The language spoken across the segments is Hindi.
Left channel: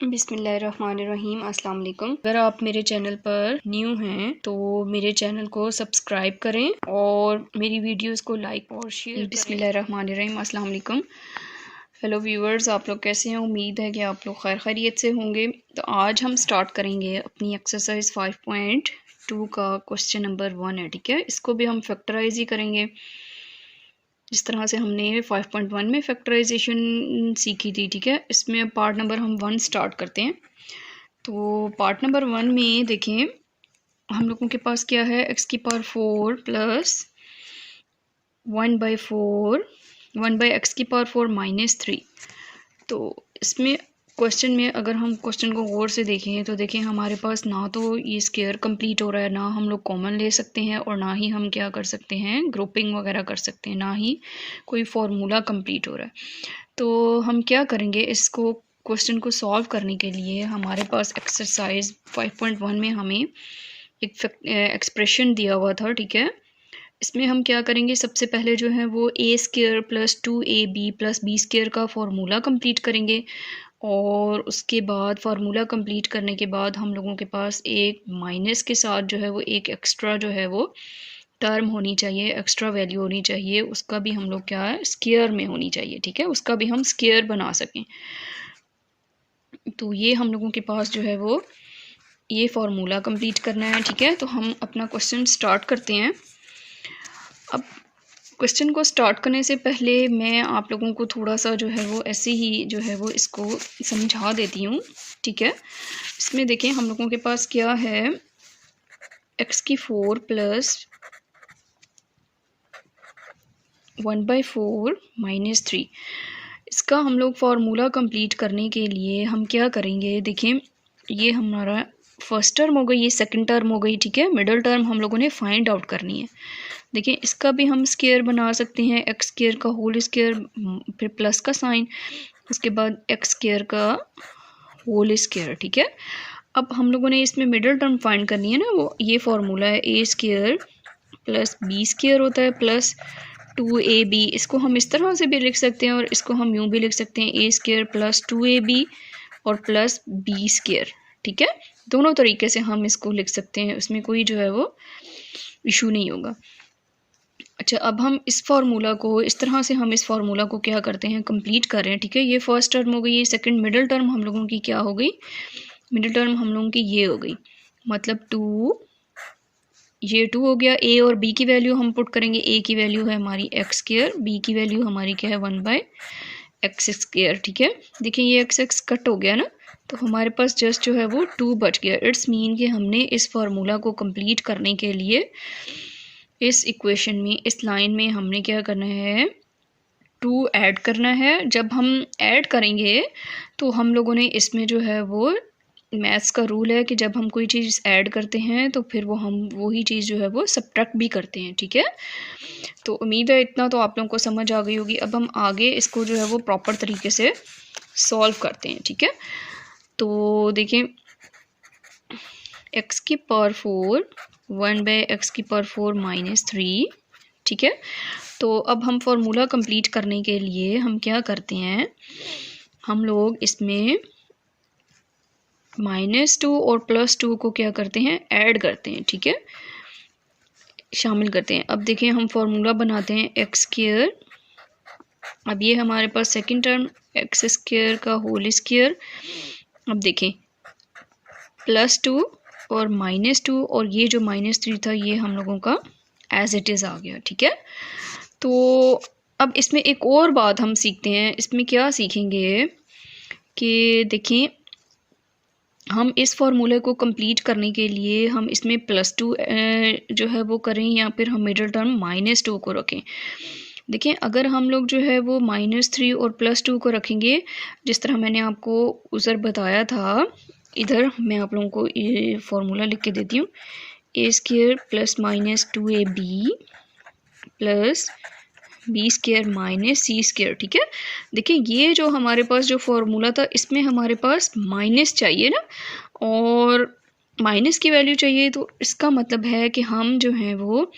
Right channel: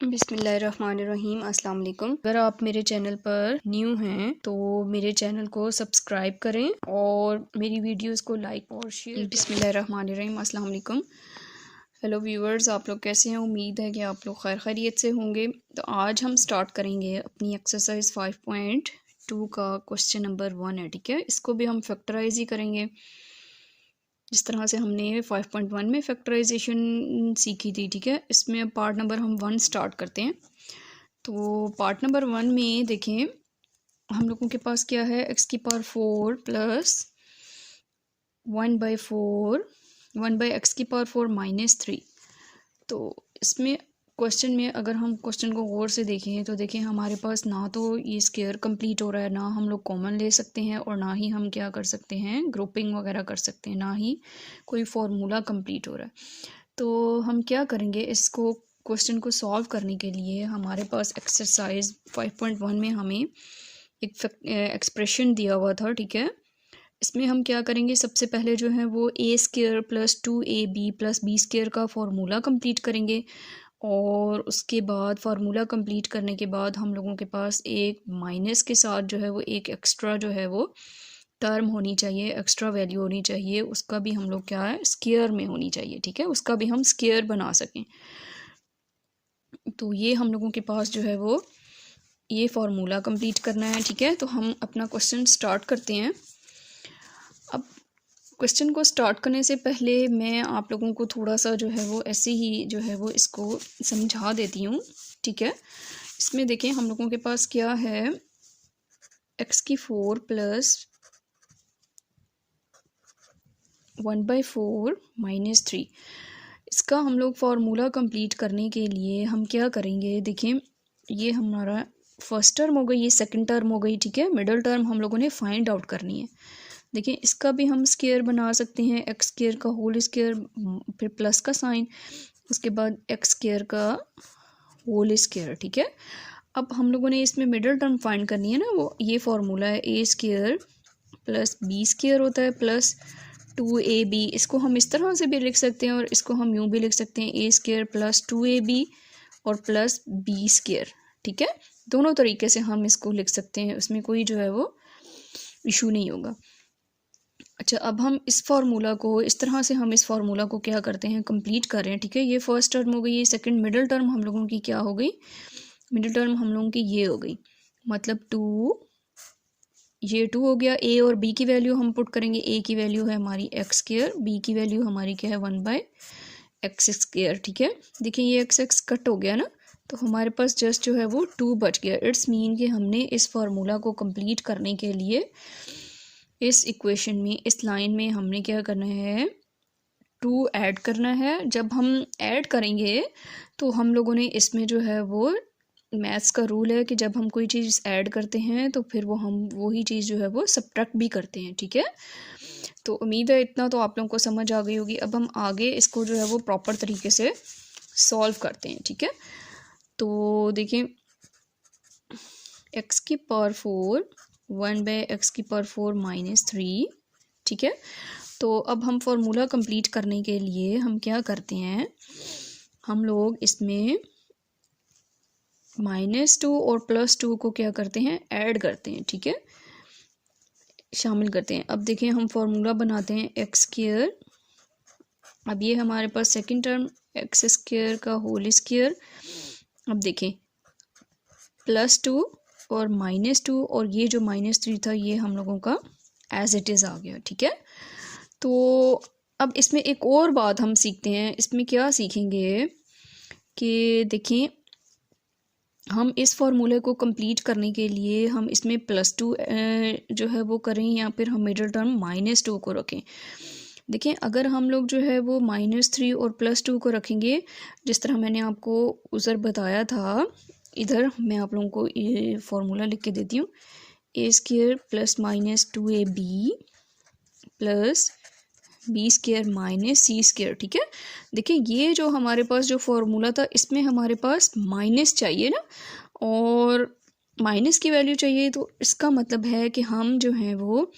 बिस्मिल्लाहिर्रहमानिर्रहीम अस्सलाम वालेकुम। अगर आप मेरे चैनल पर न्यू हैं तो मेरे चैनल को सब्सक्राइब करें और मेरी वीडियोस को लाइक और शेयर करें। बिस्मिल्लाहिर्रहमानिर्रहीम अस्सलाम वालेकुम। हेलो व्यूवर्स, आप लोग कैसे हैं? उम्मीद है कि आप लोग खैर खैरियत से होंगे। तो आज हम स्टार्ट करेंगे अपनी एक्सरसाइज 5.2 का क्वेश्चन नंबर 1 है, ठीक है। इसको भी हम फैक्टराइज ही करेंगे जिस तरह से हमने 5.1 में फैक्टराइजेशन सीखी थी, ठीक है। इसमें पार्ट नंबर हम 1 स्टार्ट करते हैं। तो पार्ट नंबर 1 में देखें हम लोगों के पास क्या है, एक्स की पावर 4 प्लस 1/4 1/x की पावर 4 -3। तो इसमें क्वेश्चन में अगर हम क्वेश्चन को गौर से देखें तो देखें हमारे पास ना तो ये स्क्वायर कंप्लीट हो रहा है, ना हम लोग कॉमन ले सकते हैं और ना ही हम क्या कर सकते हैं, ग्रुपिंग वगैरह कर सकते हैं, ना ही कोई फार्मूला कंप्लीट हो रहा है। तो हम क्या करेंगे, इसको क्वेश्चन को सॉल्व करने के लिए हमारे पास एक्सरसाइज 5.1 में हमें एक एक्सप्रेशन दिया हुआ था, ठीक है। इसमें हम क्या करेंगे, सबसे पहले जो है वो A square plus 2ab plus B square का फार्मूला कंप्लीट करेंगे और उसके बाद फार्मूला कंप्लीट करने के बाद हम लोगों के पास एक माइनस के साथ जो है वो एक एक्स्ट्रा जो है वो टर्म होनी चाहिए, एक्स्ट्रा वैल्यू होनी चाहिए। उसका भी हम लोग क्या है, स्क्वायर में होनी चाहिए, ठीक है। उसका भी हम स्क्वायर बना सकें। तो ये हम लोगों के पास जो है वो ये फार्मूला कंप्लीट करना है, ठीक है। तो हम अपना क्वेश्चन स्टार्ट करते हैं। अब क्वेश्चन को स्टार्ट करने से पहले मैं आप लोगों को थोड़ा सा जो है वो ऐसे ही जो है वो इसको समझा देती हूँ, ठीक है। इसमें देखें हम लोगों के पास क्या है, एक्स की 4 प्लस 1/4 -3। इसका हम लोग फार्मूला कंप्लीट करने के लिए हम क्या करेंगे, देखें ये हमारा फर्स्ट टर्म हो गई, ये सेकंड टर्म हो गई, ठीक है। मिडल टर्म हम लोगों ने फाइंड आउट करनी है। देखिए इसका भी हम स्क्वायर बना सकते हैं, एक्स स्क्वायर का होल स्क्वायर, फिर प्लस का साइन, उसके बाद एक्स स्क्वायर का होल स्क्वायर, ठीक है। अब हम लोगों ने इसमें मिडल टर्म फाइंड करनी है ना, वो ये फार्मूला है ए स्क्वायर प्लस बी स्क्वायर होता है प्लस 2ab। इसको हम इस तरह से भी लिख सकते हैं और इसको हम यूँ भी लिख सकते हैं, ए स्क्वायर प्लस 2ab और प्लस बी स्क्वायर, ठीक है। दोनों तरीके से हम इसको लिख सकते हैं, उसमें कोई जो है वो इशू नहीं होगा। अच्छा, अब हम इस फार्मूला को इस तरह से हम इस फार्मूला को क्या करते हैं, कंप्लीट कर रहे हैं, ठीक है। ये फर्स्ट टर्म हो गई, ये सेकंड मिडिल टर्म हम लोगों की क्या हो गई, मिडिल टर्म हम लोगों की ये हो गई, मतलब 2, ये 2 हो गया। ए और बी की वैल्यू हम पुट करेंगे, ए की वैल्यू है हमारी एक्स स्क्वायर, बी की वैल्यू हमारी क्या है 1/x स्क्वायर, ठीक है। देखिए ये x कट हो गया ना, तो हमारे पास जस्ट जो है वो 2 बच गया। इट्स मीन कि हमने इस फार्मूला को कंप्लीट करने के लिए इस इक्वेशन में, इस लाइन में हमने क्या करना है, 2 ऐड करना है। जब हम ऐड करेंगे तो हम लोगों ने इसमें जो है वो मैथ्स का रूल है कि जब हम कोई चीज़ ऐड करते हैं तो फिर वो हम वही चीज़ जो है वो सब्ट्रैक्ट भी करते हैं, ठीक है। तो उम्मीद है इतना तो आप लोगों को समझ आ गई होगी। अब हम आगे इसको जो है वो प्रॉपर तरीके से सॉल्व करते हैं, ठीक है। तो देखें एक्स की पावर 4 1/x की पावर 4 -3, ठीक है। तो अब हम फार्मूला कंप्लीट करने के लिए हम क्या करते हैं, हम लोग इसमें -2 और +2 को क्या करते हैं, ऐड करते हैं, ठीक है, शामिल करते हैं। अब देखिए हम फार्मूला बनाते हैं एक्स स्क्वायर, अब ये हमारे पास सेकंड टर्म एक्स स्क्वायर का होल स्क्वायर, अब देखें +2 और -2 और ये जो -3 था ये हम लोगों का एज इट इज़ आ गया, ठीक है। तो अब इसमें एक और बात हम सीखते हैं, इसमें क्या सीखेंगे कि देखें हम इस फार्मूले को कंप्लीट करने के लिए हम इसमें +2 जो है वो करें या फिर हम मिडिल टर्म -2 को रखें। देखिए अगर हम लोग जो है वो -3 और +2 को रखेंगे, जिस तरह मैंने आपको उधर बताया था, इधर मैं आप लोगों को ये फार्मूला लिख के देती हूँ, A square plus -2ab plus B square minus C square, ठीक है। देखिए ये जो हमारे पास जो फार्मूला था इसमें हमारे पास माइनस चाहिए ना, और माइनस की वैल्यू चाहिए, तो इसका मतलब है कि हम जो है वो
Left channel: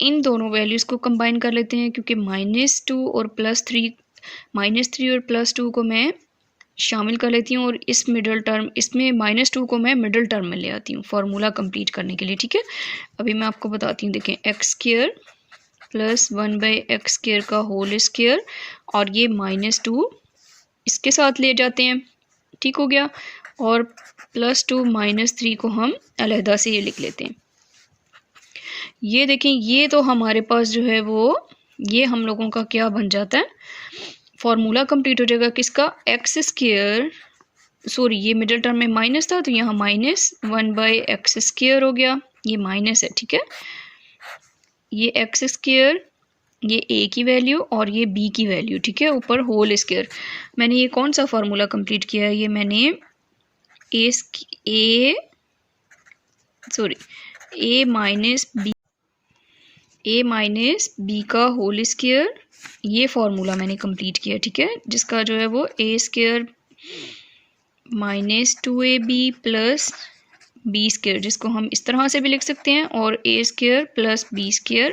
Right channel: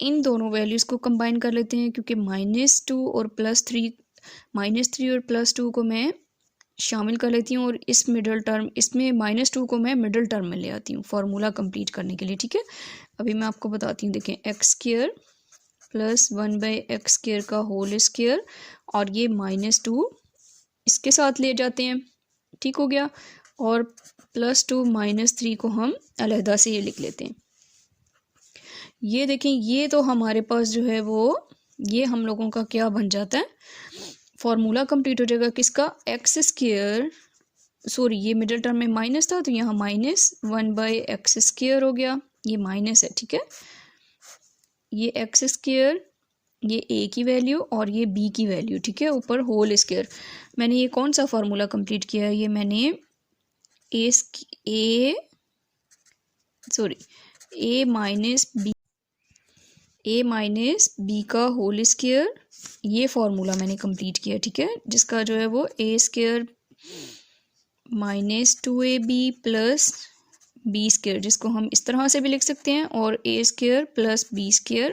इन दोनों वैल्यूज़ को कंबाइन कर लेते हैं, क्योंकि -2 और +3 -3 और +2 को मैं शामिल कर लेती हूँ और इस मिडल टर्म इसमें -2 को मैं मिडल टर्म में ले आती हूँ फार्मूला कंप्लीट करने के लिए, ठीक है। अभी मैं आपको बताती हूँ, देखें x² प्लस 1/x² का होल स्क्वायर और ये -2 इसके साथ ले जाते हैं, ठीक हो गया। और +2 -3 को हम अलहदा से ये लिख लेते हैं। ये देखें, ये तो हमारे पास जो है वो ये हम लोगों का क्या बन जाता है, फार्मूला कंप्लीट हो जाएगा किसका, x², सॉरी ये मिडिल टर्म में माइनस था तो यहाँ -1/x² हो गया, ये माइनस है, ठीक है। ये x², ये a की वैल्यू और ये b की वैल्यू, ठीक है, ऊपर होल स्क्वायर। मैंने ये कौन सा फार्मूला कंप्लीट किया है, ये मैंने a माइनस b का होल स्क्वायर, ये फार्मूला मैंने कंप्लीट किया, ठीक है, जिसका जो है वो a² -2ab प्लस b², जिसको हम इस तरह से भी लिख सकते हैं, और a² प्लस b²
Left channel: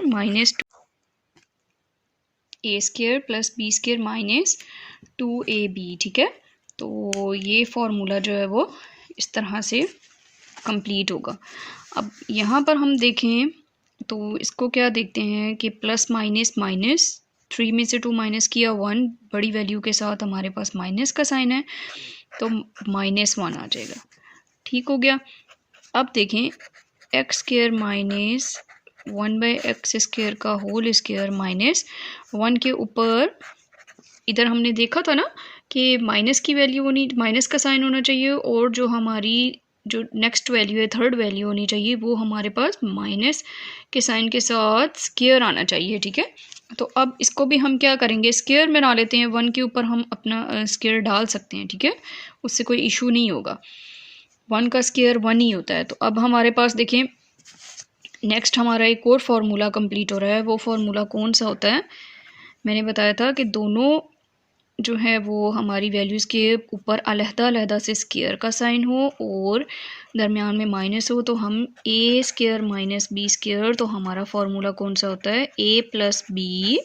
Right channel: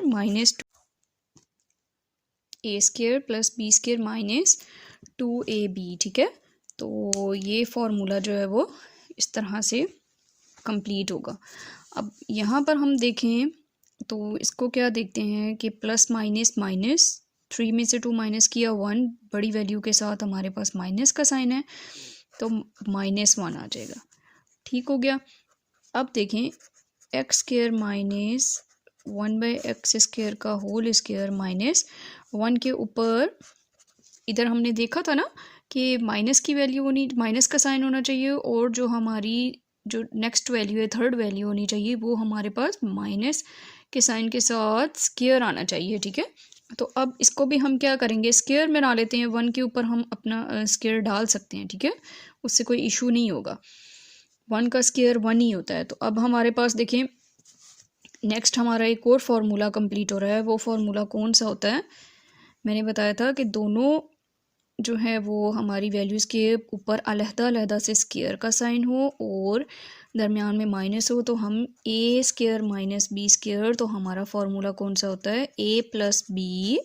-2ab, ठीक है। तो ये फार्मूला जो है वो इस तरह से कंप्लीट होगा। अब यहाँ पर हम देखें तो इसको क्या देखते हैं कि प्लस माइनस माइनस, 3 में से 2 माइनस किया 1, बड़ी वैल्यू के साथ हमारे पास माइनस का साइन है तो -1 आ जाएगा, ठीक हो गया। अब देखें x² माइनस 1/x² का होल स्क्वायर -1 के ऊपर, इधर हमने देखा था ना कि माइनस की वैल्यू होनी, माइनस का साइन होना चाहिए, और जो हमारी जो नेक्स्ट वैल्यू है, थर्ड वैल्यू होनी चाहिए, वो हमारे पास माइनस के साइन के साथ स्क्वायर आना चाहिए, ठीक है। तो अब इसको भी हम क्या करेंगे, स्क्वायर में ना लेते हैं, 1 के ऊपर हम अपना स्क्वायर डाल सकते हैं, ठीक है, उससे कोई इशू नहीं होगा, 1 का स्क्वायर 1 ही होता है। तो अब हमारे पास देखें नेक्स्ट हमारा एक और फार्मूला कंप्लीट हो रहा है। वो फार्मूला कौन सा होता है, मैंने बताया था कि दोनों जो है वो हमारी वैल्यूज़ के ऊपर अलहदा से स्क्वायर का साइन हो और दरमियान में माइनस हो, तो हम a² माइनस b², तो हमारा फार्मूला कौन सा होता है, a प्लस बी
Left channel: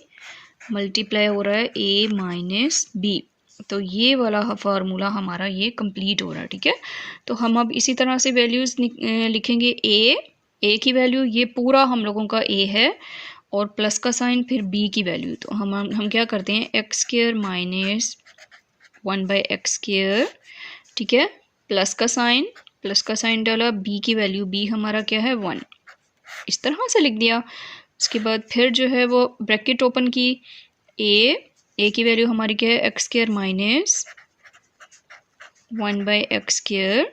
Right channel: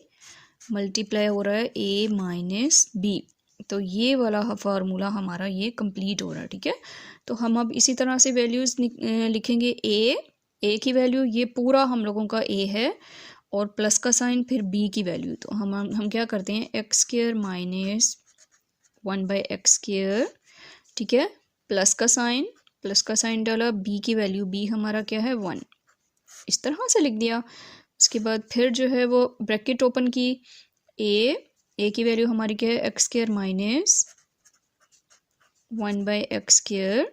मल्टीप्लाई हो रहा है a माइनस b, तो ये वाला फार्मूला हमारा ये कंप्लीट हो रहा है, ठीक है। तो हम अब इसी तरह से वैल्यूज़ लिखेंगे, a की वैल्यू ये पूरा हम लोगों का a है और प्लस का साइन फिर b की वैल्यू, तो हम क्या करते हैं, x² माइनस 1/x², ठीक है, प्लस का साइन डाला, b की वैल्यू b हमारा क्या है 1, इस तरह से लिख दिया। उसके बाद फिर जो है वो ब्रैकेट ओपन की, a की वैल्यू हमारी क्या है, x² माइनस 1/x²,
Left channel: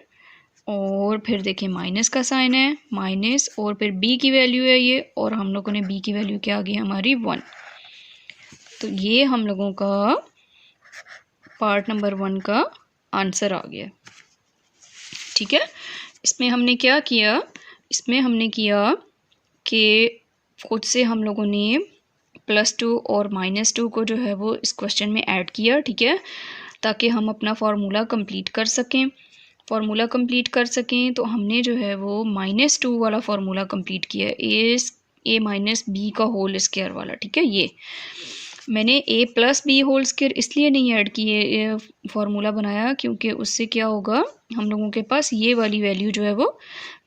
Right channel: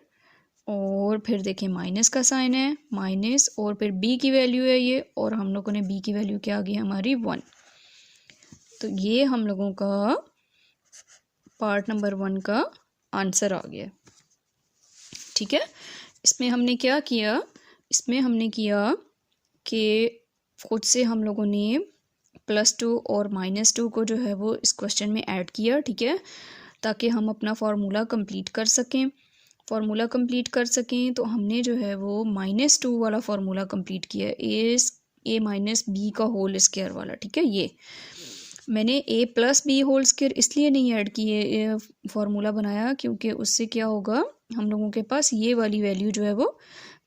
और फिर देखिए माइनस का साइन है, माइनस, और फिर b की वैल्यू है ये, और हम लोगों ने b की वैल्यू क्या आ गई हमारी 1। तो ये हम लोगों का पार्ट नंबर 1 का आंसर आ गया, ठीक है। इसमें हमने क्या किया, इसमें हमने किया कि खुद से हम लोगों ने +2 और -2 को जो है वो इस क्वेश्चन में ऐड किया, ठीक है, ताकि हम अपना फार्मूला कंप्लीट कर सकें। तो हमने जो है वो -2 वाला फार्मूला कंप्लीट किया, a माइनस b का होल स्क्वायर वाला, ठीक है। ये मैंने a plus B whole square इसलिए नहीं ऐड किए फार्मूला बनाया, क्योंकि उससे क्या होगा, हम लोगों के पास ये वाली वैल्यू जो है वो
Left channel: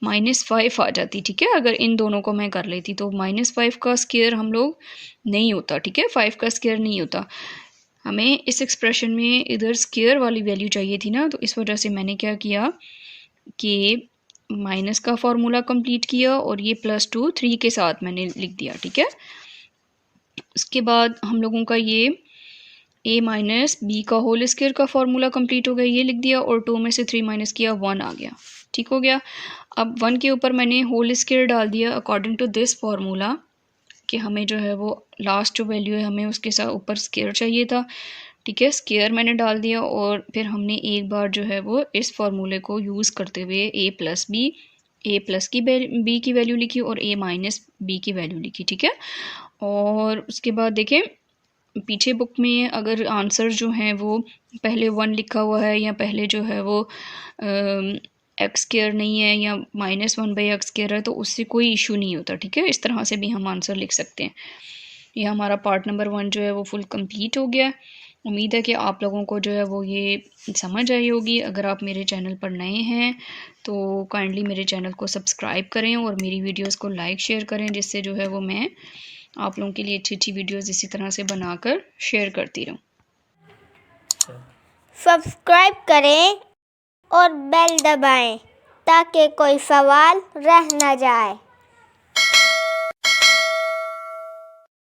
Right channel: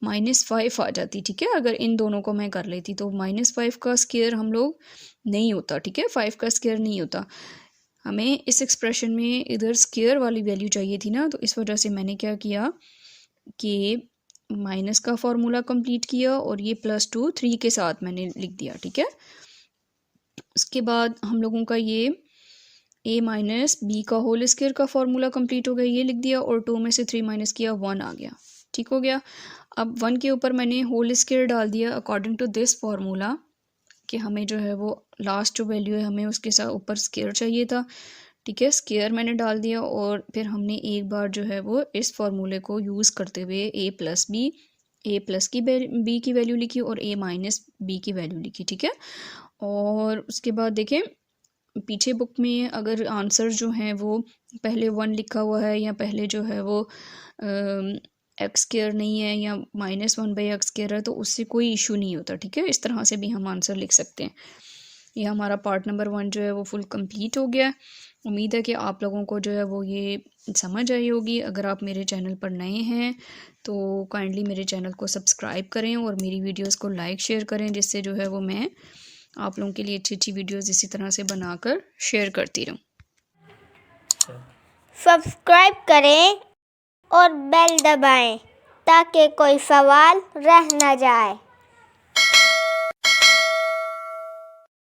-5 आ जाती, ठीक है। अगर इन दोनों को मैं कर लेती तो -5 का स्क्वायर हम लोग नहीं होता, ठीक है, 5 का स्क्वायर नहीं होता। हमें इस एक्सप्रेशन में इधर स्क्वायर वाली वैल्यू चाहिए थी ना, तो इस वजह से मैंने क्या किया कि माइनस का फार्मूला कंप्लीट किया और ये +2 3 के साथ मैंने लिख दिया, ठीक है। उसके बाद हम लोगों का ये a माइनस बी का होल स्क्वायर का फार्मूला कंप्लीट हो गया, ये लिख दिया, और 2 में से 3 माइनस किया 1 आ गया, ठीक हो गया। अब 1 के ऊपर मैंने होल स्क्वायर डाल दिया अकॉर्डिंग टू दिस फार्मूला, कि हमें जो है वो लास्ट जो वैल्यू है हमें उसके साथ ऊपर स्क्वायर चाहिए था, ठीक है। स्क्वायर मैंने डाल दिया और फिर हमने एक बार जो है वो इस फार्मूले को यूज़ करते हुए a प्लस की b की वैल्यू लिखी और a माइनस b की वैल्यू लिखी, ठीक है। और उसके बाद देखें पीछे बुक में अगर आंसर जो हैं वो पहले 1 लिखा हुआ है या पहले जो है वो x² नहीं है या -1/x² है, तो उससे कोई इशू नहीं होता, ठीक है। इस तरह से भी हम आंसर लिख सकते हैं। ये हमारा पार्ट नंबर 1 जो है वो फुल कंप्लीट हो गया। उम्मीद है कि आप लोगों को जो है वो ये समझ आई होगी। अगर आप मेरे चैनल पर नए हैं तो काइंडली मेरे चैनल को सब्सक्राइब करें और मेरी वीडियोस को लाइक शेयर करें, जिससे जो है वो मैं आप लोगों के लिए अच्छी अच्छी वीडियोस इसी तरह से बनाकर शेयर करती रहूँ। सब्सक्राइब करें और बेल दबाएं ताकि कोई सवाल रह न जाए।